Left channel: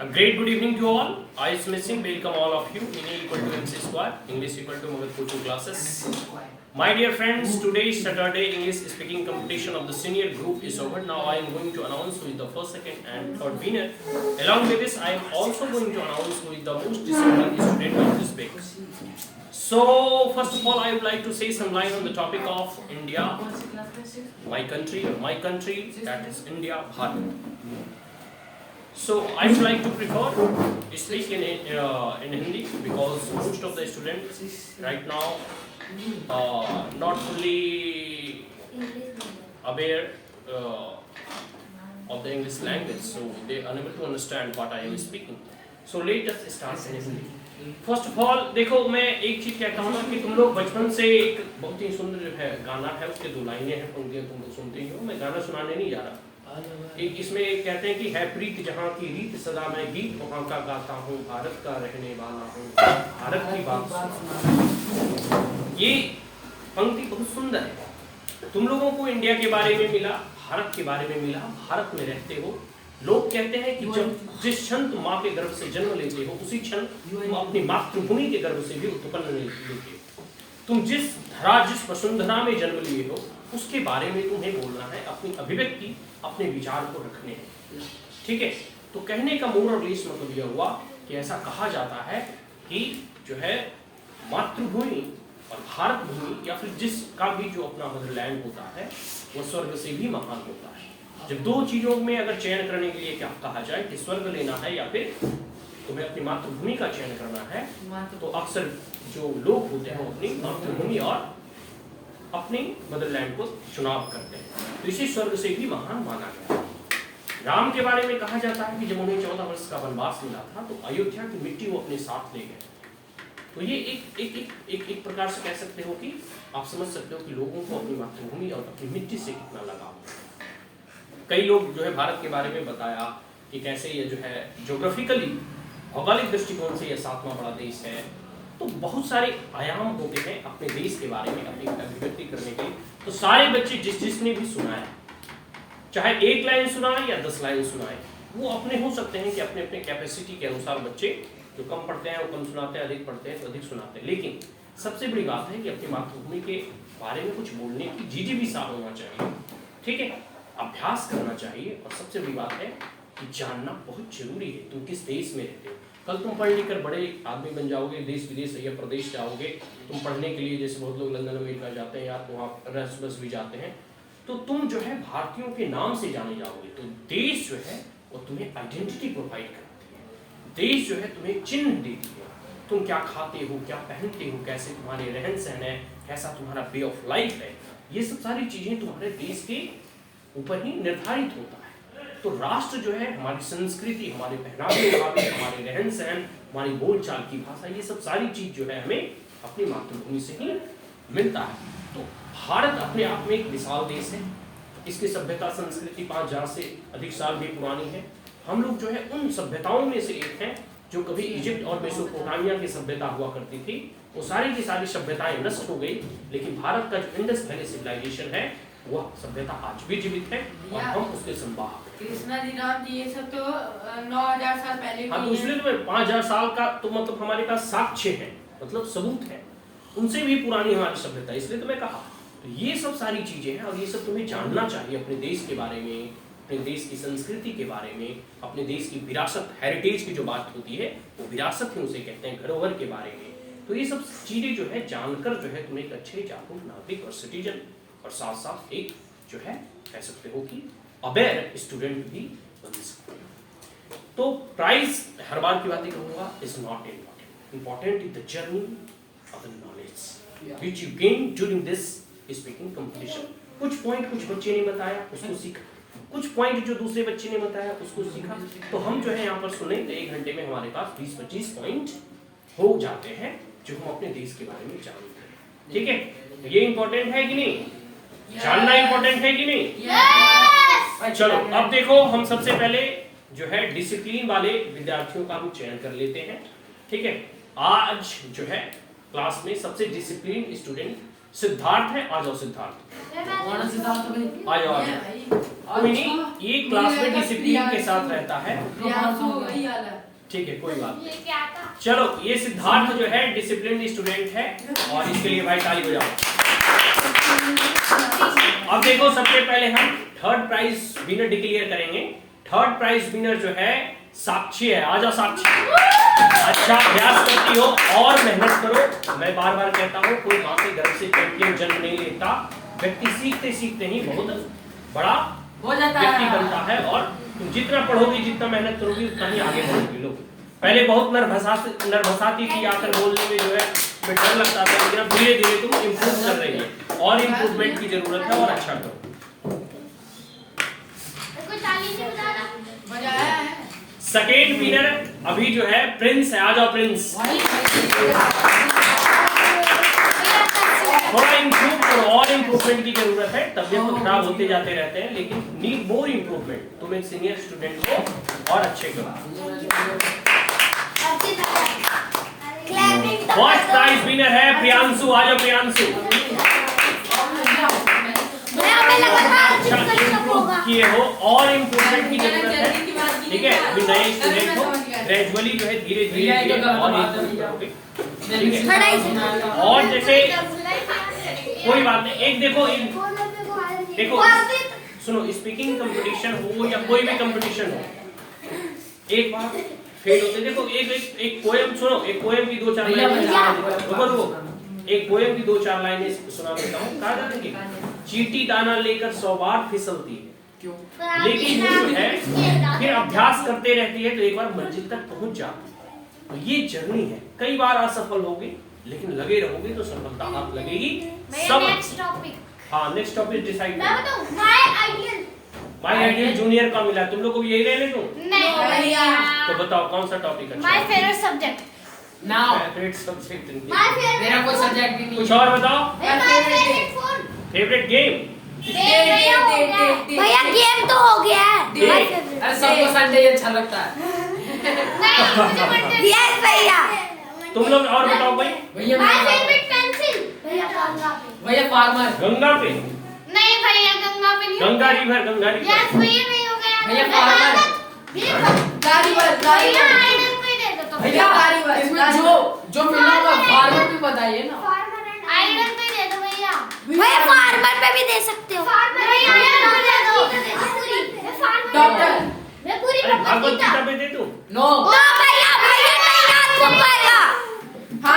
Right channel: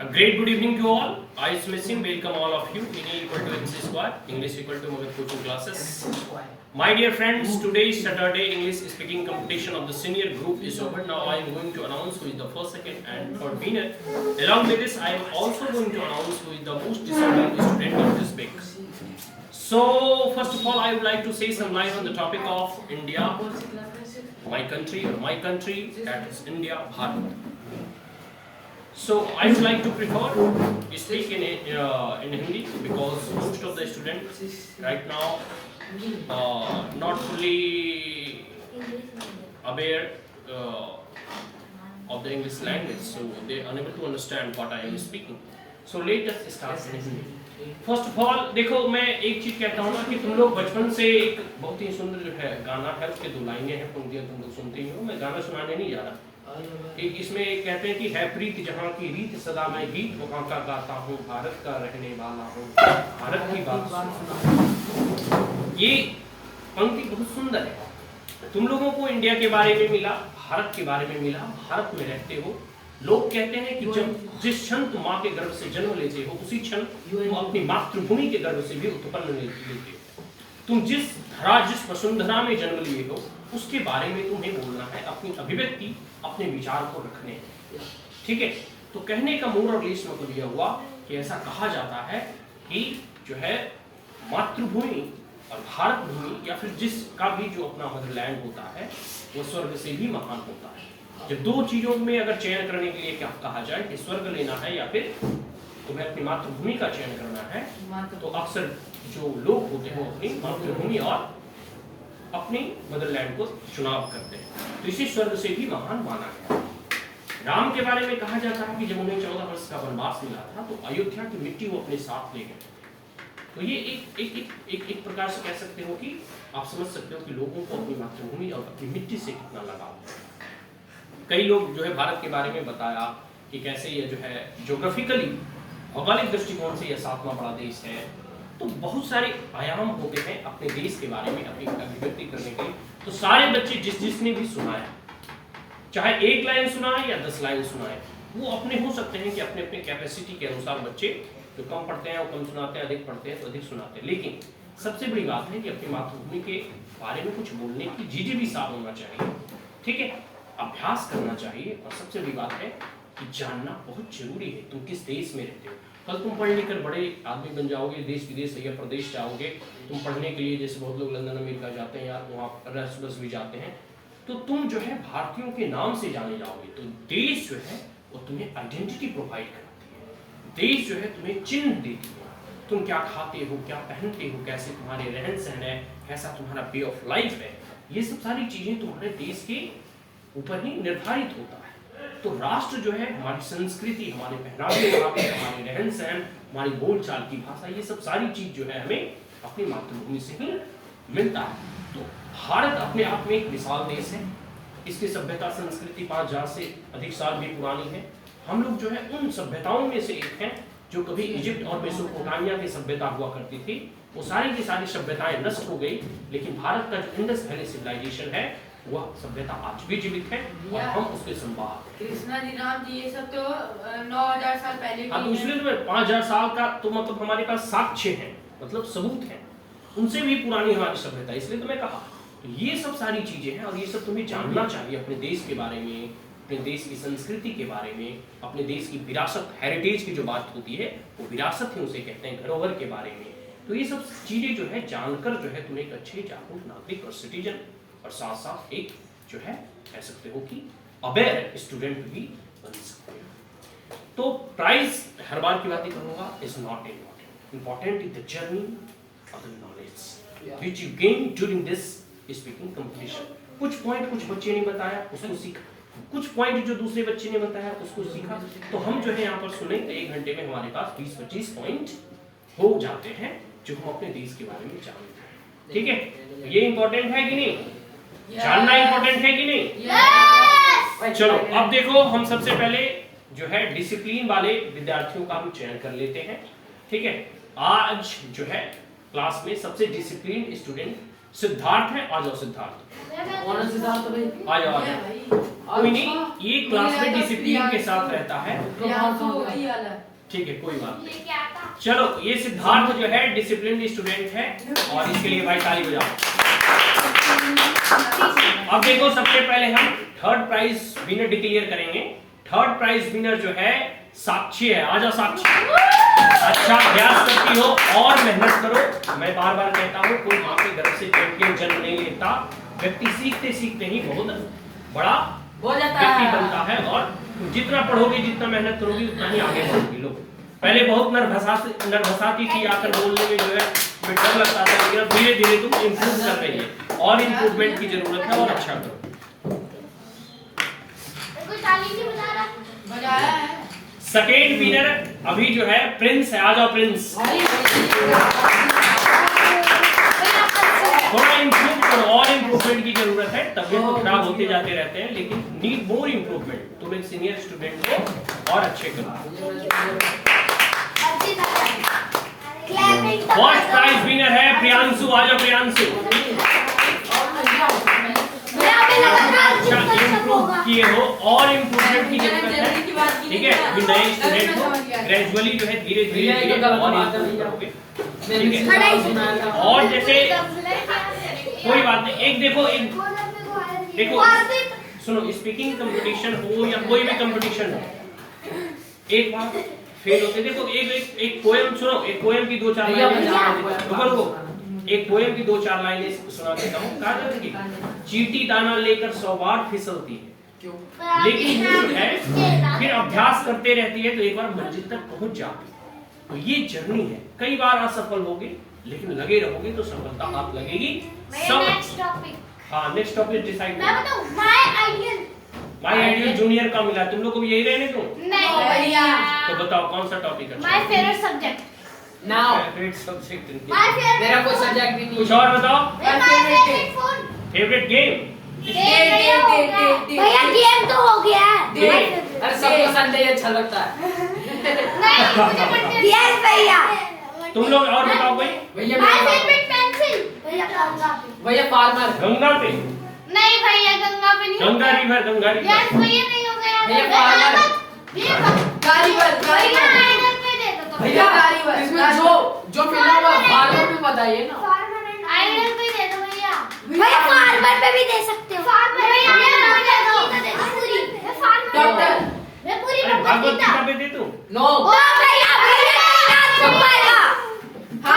A great good evening to all. I Smithing welcome all of you. In equal to MC square, English equal to Magad coaching classes. My dear friends, today's Saturday English speaking competition of the senior group is over. Now I am going to announce who is the first, second, and third winner. Along with this, I am also going to announce who is the most disciplined student of this week. So first of all, I would like to say some line on the topic of India, my country, that is India, Bharat. So I would like to prefer to speak in Hindi because most of the students right now not fully aware of the English language, so they are unable to understand what I am speaking. So let us start in Hindi. First of all देखो, मैं एक चीज कहता हूँ ना कि तुम लोग बचपन से एक बहुत ही सुंदर जो है गाना है, उसके दो लाइनें हैं, पंक्तियां तुम लोग सुनते ही हो। मैं गाना सुनाने नहीं जा रहा। इसमें कहते हैं कि है प्रीत जहाँ की रीत सदा मैं गीत वहाँ का गाता हूँ, भारत का रहने वाला हूँ, भारत की बात। ये पंक्ति बहुत सुंदर है। तुम लोगों को इंडिया के बारे में मिला, भारत के बारे में मिला, भारत में रहते हो। लोग कहते हैं कि जब जिस क्षण तुम माँ के गर्भ से जन्म लेते हो, उसी क्षण तुम अपनी मातृभूमि के गर्भ से भी उत्पन्न लेते हो। तुम जिस धरा, जिस वसुंधरा में जन्म लिए हो, उसके बारे में तुम्हें बोलना है, अपनी अभिव्यक्ति, अपने विचार को रखने हैं। ठीक है, तो कहने का मोर और लेस मतलब यह हुआ कि ऐसा कहा जाता है कि जो है मातृभूमि और भारत भूमि या फिर जिसका भी जो अपना मदरलैंड होता है, वो स्वर्ग से भी महान होता है। जब दो चीजों में अगर चयन करने के लिए क्या कहा जाए कि स्वर्ग लेना है या फिर तुम्हें अपनी मातृभूमि का चयन करना है, तो अक्सर जो लोग होते हैं अपनी मातृभूमि और अपनी मदरलैंड को चुनाव करते हैं। तो इसे स्वर्ग से भी महान माना गया। राम के बारे में कहा जाता है कि जब उन्हें 14 वर्ष का वनवास मिला था, तो अयोध्या की मिट्टी वो अपने साथ ले गए। तो ये एक प्रकार से कह सकते हो कि आप समझ सकते हो कि लोगों को अपनी मातृभूमि और अपनी मिट्टी से कितना लगाव है। कई लोग जो है भारत के बारे में बताया कि कैसे ये जो है ज्योग्राफिकली, भौगोलिक दृष्टिकोण से यह 7वां बड़ा देश है। तो बहुत सारे आयाम होते हैं अपने देश के बारे में अपनी अभिव्यक्ति करने के लिए। तो सारे बच्चे जिसने भी सुनाया, चाहे एक लाइन सुनाए या 10 लाइन सुनाए, वो अपने हो सकते हैं कि अपने अपने कैपेसिटी के अनुसार बच्चे जो कम पढ़ते हैं वो कम सुनाते हैं, अधिक पढ़ते हैं तो अधिक सुनाते हैं। लेकिन सबसे बड़ी बात है कि अपनी मातृभूमि के बारे में कुछ बोलने की जिज्ञासा होना चाहिए। ठीक है, अभ्यास करना चाहिए। और सबसे बड़ी बात है कि जानना बहुत जरूरी है तुम किस देश में रहते हो। कल तुम पढ़ लिख कर बड़े आदमी बन जाओगे, देश विदेश या प्रदेश जाओगे, तुम पढ़ने के लिए, जैसे बहुत लोग लंदन अमेरिका जाते हैं या वहाँ एरास्मस भी जाते हैं, तो तुम जो है भारतीयों के नाम से जाने जाओगे। तो देश जो है वो तुम्हें आइडेंटिटी प्रोवाइड कराती है, देश जो है तुम्हें चिन्ह देती है। तुम क्या खाते हो, क्या पहनते हो, कैसे तुम्हारे रहन सहन है, कैसा तुम्हारा वे ऑफ लाइफ है, ये सब सारी चीजें तुम्हारे देश के ऊपर ही निर्धारित होता है। तो राष्ट्र जो है हमारी संस्कृति, हमारे पहनावे, हमारे रहन सहन, हमारी बोलचाल की भाषा, ये सब सारी चीज जो है हमें अपनी मातृभूमि से ही मिलता है। तो भारत अपने आप में एक विशाल देश है। इसकी सभ्यता संस्कृति 5000 से अधिक साल भी पुरानी है। हम लोग जो है उन सभ्यताओं में से एक हैं जो कभी इजिप्ट और मेसोपोटामिया की सभ्यता हुआ करती थी। वो सारी की सारी सभ्यताएं नष्ट हो गई, लेकिन भारत का जो इंडस वैली सिविलाइजेशन है वह सभ्यता आज भी जीवित है और हम उसके संवाहक हैं। कृष्णा जी, राम जी, ये सब तो 9000 साल पहले। हाँ, तो इसलिए तो 5000 साल का तो मतलब हमारे पास साक्ष्य है, मतलब सबूत है, उनसे भी पुरानी हमारी सभ्यता। इसलिए तो मैं कहा, तो ये सब सारी चीजें हैं और ये सब तुम्हें जानना चाहिए अपने देश के बारे में, अपने देश की संस्कृति के बारे में, अपने देश की विरासत, हेरिटेज की जो बात होती है वो विरासत है, उसे कहते हैं, धरोहर के बारे में। तो ये सब चीजें जो है जानकर जो है तुम एक अच्छे जागरूक नागरिक और सिटीजन और साथ साथ एक जो है कह सकते हो कि अवेयर स्टूडेंट भी बन सकते हो। तो प्राइज हर बार की बातें कहूंगा, is not important. Important is the journey of the knowledge which you gain during this speaking competition. कुछ पॉइंट कुछ बच्चे ने बताया, उसको सीखा, कुछ पॉइंट जो दूसरे बच्चे ने बताया उसको सीखा। तो हम जो है यहाँ पर सुने तो 1 घंटे में हमारे पास 20-25 पॉइंट हो जाते हैं जो हम अपने देश के बारे में जानते हैं। ठीक है, ये इंपॉर्टेंट है कि नहीं? जानना इंपॉर्टेंट है कि नहीं? yes! चलो अब देखो, हम सबसे पहले जो है डिसिप्लिन वाले विद्यार्थियों का हम चयन कर लेते हैं। ठीक है, आज जो है क्लास में सबसे डिसिप्लिन स्टूडेंट सिद्धार्थ है। आ जाओ सिद्धार्थ, आ जाओ आ जाओ। कोई नहीं, ये क्लास में डिसिप्लिन के साथ रहता है। ठीक है, कोई बात नहीं। चलो, ये सिद्धार्थ जो है डिसिप्लिन स्टूडेंट है और इसके लिए भाई ताली बजाओ। अब देखो, सबसे पहले हम थर्ड प्राइज विनर डिक्लेयर करेंगे। थर्ड प्राइज विनर जो है साक्षी है। आजा साक्षी, अच्छा अभ्यास करती हो और मेहनत करो। मैं बार बार कहता हूँ, कोई वहां पे गर्व से चैंपियन जन्म नहीं लेता। व्यक्ति सीखते सीखते ही बहुत बड़ा व्यक्ति बनता है और तुम जितना पढ़ोगे, जितना मेहनत करोगी, उतना ही आगे बढ़ोगी। लोग पहले बहुत नर्भसाती थी, आकर बोलने में जो है डर लगता था, लेकिन अब धीरे धीरे तुम इम्प्रूव कर रही है और इम्प्रूवमेंट की जरूरत है और अच्छा करो। सेकेंड विनर अभी जो है प्रिंस है। आ जाओ प्रिंस, थोड़ा इम्प्रूव करो और इम्प्रूवमेंट की जरूरत है। तबियत तो खराब होते जाते रहते हैं, लेकिन नीड मोर इम्प्रूवमेंट। तुम एक सीनियर स्टूडेंट हो और अच्छे करो। फर्स्ट प्राइज विनर है प्रियांशु। आ जाओ प्रियांशु, अच्छा इम्प्रूव किए हो और इम्प्रूवमेंट की जरूरत है। ठीक है, अभी नए स्टूडेंट हो, ग्रेजुअली जो है धीरे धीरे और इम्प्रूव करोगे। ठीक है, और जैसे कोई बात नहीं, एक देखो सुनो, स्पीकिंग कंपटीशन हो या कोई भी कंपटीशन हो, एक बार फेल होते। देखो एक पोएम सुनो, एक पोएम की 2-4 लाइनें रुको, एक पोएम की 2-4 लाइनें सुना देता हूँ। कहा जाता है कि चींटी दाना लेकर 100 बार फिसलती है, लेकिन वो जो है फिर अभ्यास करते रहती है तो एक बार मंजिल तक पहुंच जाती है। तो ये जर्नी है, कई बार असफल होगी, लेकिन लगे रहोगे तो सफलता हाथ लगेगी। सब हाँ, next topic decide. My ideal junior का मिला, तुम लोग को यही रहने दो। तो बताओ कौन सा टॉपिक अच्छा? My favourite subject. Favourite subject मेरा कोई सब्जेक्ट नहीं। कुछ और बताओ। Favourite game? भैया गेम तो हो गया है। अरे सबको संडे अच्छा लगता है। यस भैया। तुम लोग और बताओ कोई। भैया माय फेवरेट पेंसिल। भैया भैया फार्मर। गंगा पे? नहीं भैया, गंगा पे नहीं। Ganga river, Ganga river. Yes भैया, नहीं हो गया। भैया फार्मर। भैया इसमें जो मिला हुआ फार्मर भी बताइए ना। आइडल पे दे दो भैया। भैया फार्मर पे भी दे सकते हो। डॉक्टर। मैं पूरी भागवत गीता पे दे दूं? नो। हाँ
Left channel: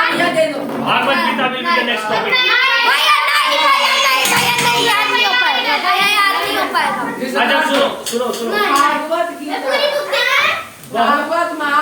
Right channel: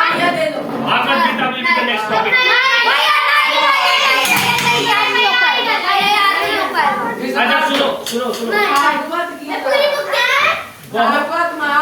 भैया दे दो। Bhagavad Gita will be the next topic. अच्छा सुनो भागवत गीता। बहुत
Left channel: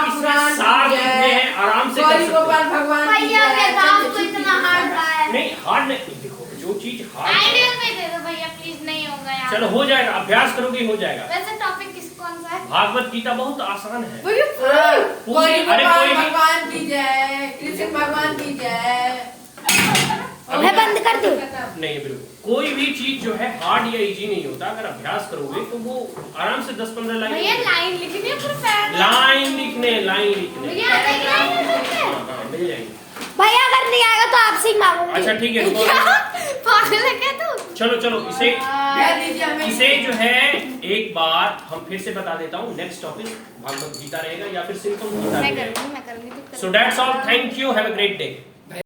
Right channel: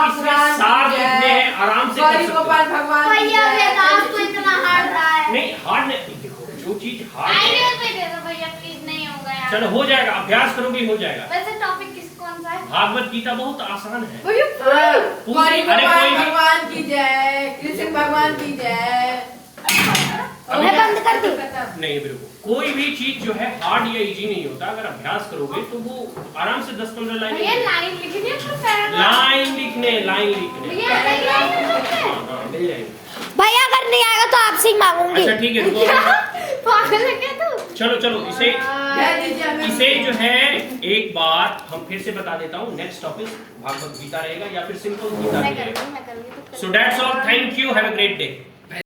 इसमें सार लिखने हैं, आराम से कर सकते हो। भगवान भैया वेदांत तो इतना हार्ड रहा है। नहीं हार्ड नहीं, देखो जो चीज हार्ड आइडियल पे दे दो भैया प्लीज, नहीं होगा यार। चलो हो जाएगा, अभ्यास करोगे हो जाएगा। वैसे टॉपिक कौन सा है? भागवत गीता बहुत आसान है। कोई अरे कोई भी भगवान की जय, कृष्ण भगवान की जय। अभी बंद कर दो। नहीं बिल्कुल, कोई भी चीज जो है हार्ड या इजी नहीं होता। अगर अभ्यास करोगे तो वो आराम से 10-15 भैया लाइन लाइन लिखनी है पूरा पैराग्राफ। लाइन लिखने भैया हाँ, मिल जाएंगे। भैया अगर नहीं आएगा तो आपसे ही मांगूंगी। अच्छा ठीक है, रुको। पागल है क्या तू? चलो इसे जो है एक बार हम फिर से बता देता हूँ। नेक्स्ट टॉपिक भागवत गीता रहेगा या फिर सिंपल गीता रहेगा। मैं करूंगी। So that's all, thank you, have a great day.